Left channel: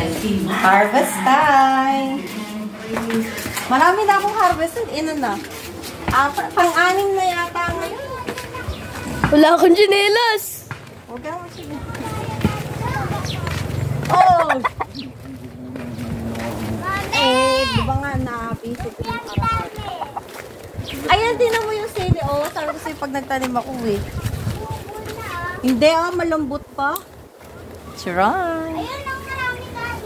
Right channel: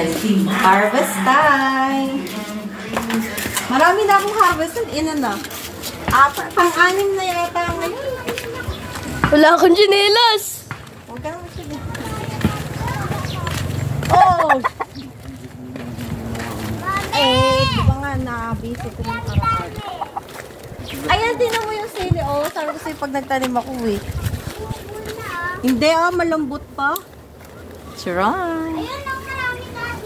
Harvest time! Marami na akong harvest. Ina na. Pang-anim na yata ngayon. Wala akong chinelas. Huwag ka naman sige. Oh! Di ba nga na-busy ko yung ayan, tinan mo yung sili. Oh, sabi ko sa'yo pag nagtanim ako eh. Hindi malambot pa. Saray.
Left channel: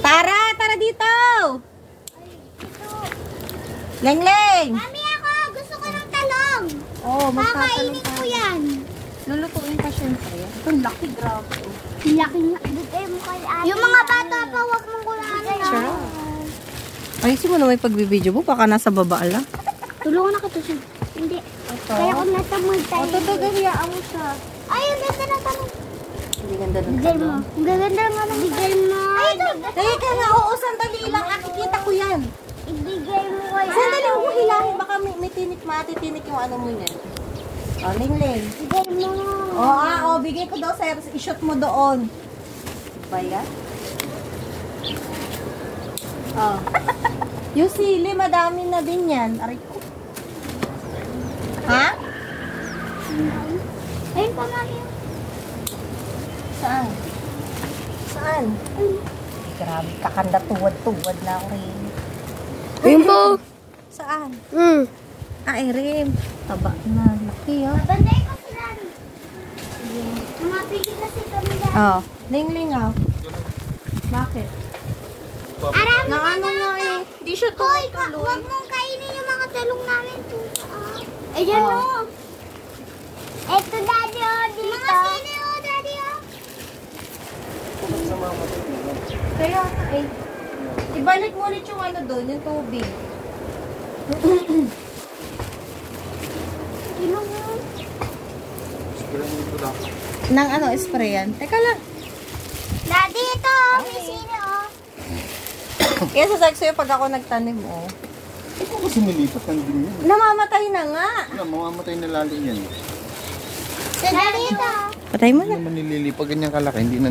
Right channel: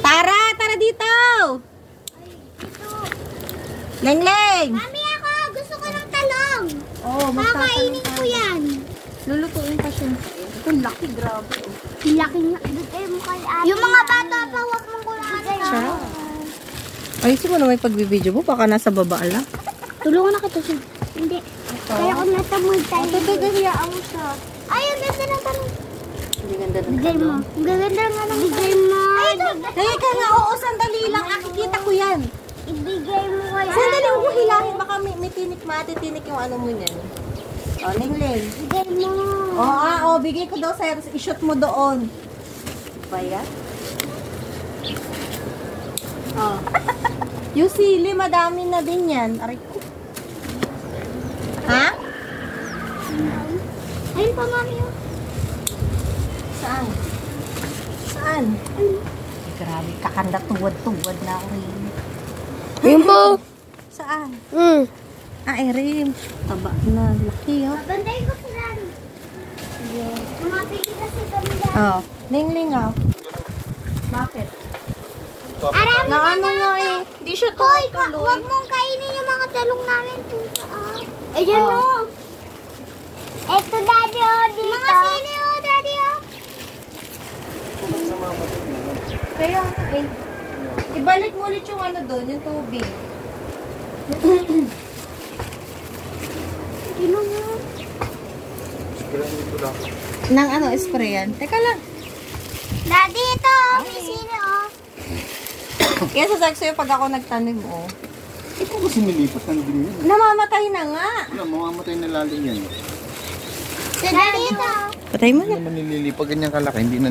Tara, tara dito. Leng-leng. Mami, ako gusto ko ng talong. Oh, Kakainin ko yan. Lulutuin pa siya. Ito, laki, grabe. Laki nga. Yung mga bata pa, huwag mong kulaan. Ayusin mo na may pagbibideo mo. Baka nasa baba lang. Tulungan ako to siya. Hindi. Kaya kung nasa tayo. Ito, gagayaan mo siya. Ayun, nasa na tanong. Hindi ganda ng Bigay mo. Ang gaganda mo ng bigay mo. Teka nga, oo, sandali lang. Nakikita ko yan. Ibigay mo kaya. Sandali, huwag mo hilahin. Baka may tinik, matitinik yung ano mo yan. O, Ling-Ling. Bigay mo. Oo, bigay ko daw sa'yo. I-shot mo doon. Ba yan? Oh. Yung sili, madami na din yan. Aray ko. Ha? Ayun pa, mami. Saan? Saan? Grabe, kakanda tuwad-tuwad na ako rin. Ayun po. Saan? Rin. Taba na. Laki, oh. Banday ko sila. Tumapigil kasi kami dahil. Oh. Ling-Ling, oh. Bakit? Arami Na ano nga eh. Hindi siya Hoy, tuloy. huwag mong kainin yung mga talong namin. Ayan o. Eto, daddy, o. Dito. Mga sili, o, daddy, o. Kaya, eh. Ibalik mo ulit yung ano doon, yung tubig. Sino mo? Nang ano, sprayan. Teka lang. Daddy, ito. May sili, o. Yan sasag sa'yo pag ako nagtanim, oh. Ito kasi nilipas lang din yan. Namamatay na nga. Mamamatay na lalo yan. Daddy, ito. Patay mo na. Hindi naman nililipag ganyan kalaki, hindi na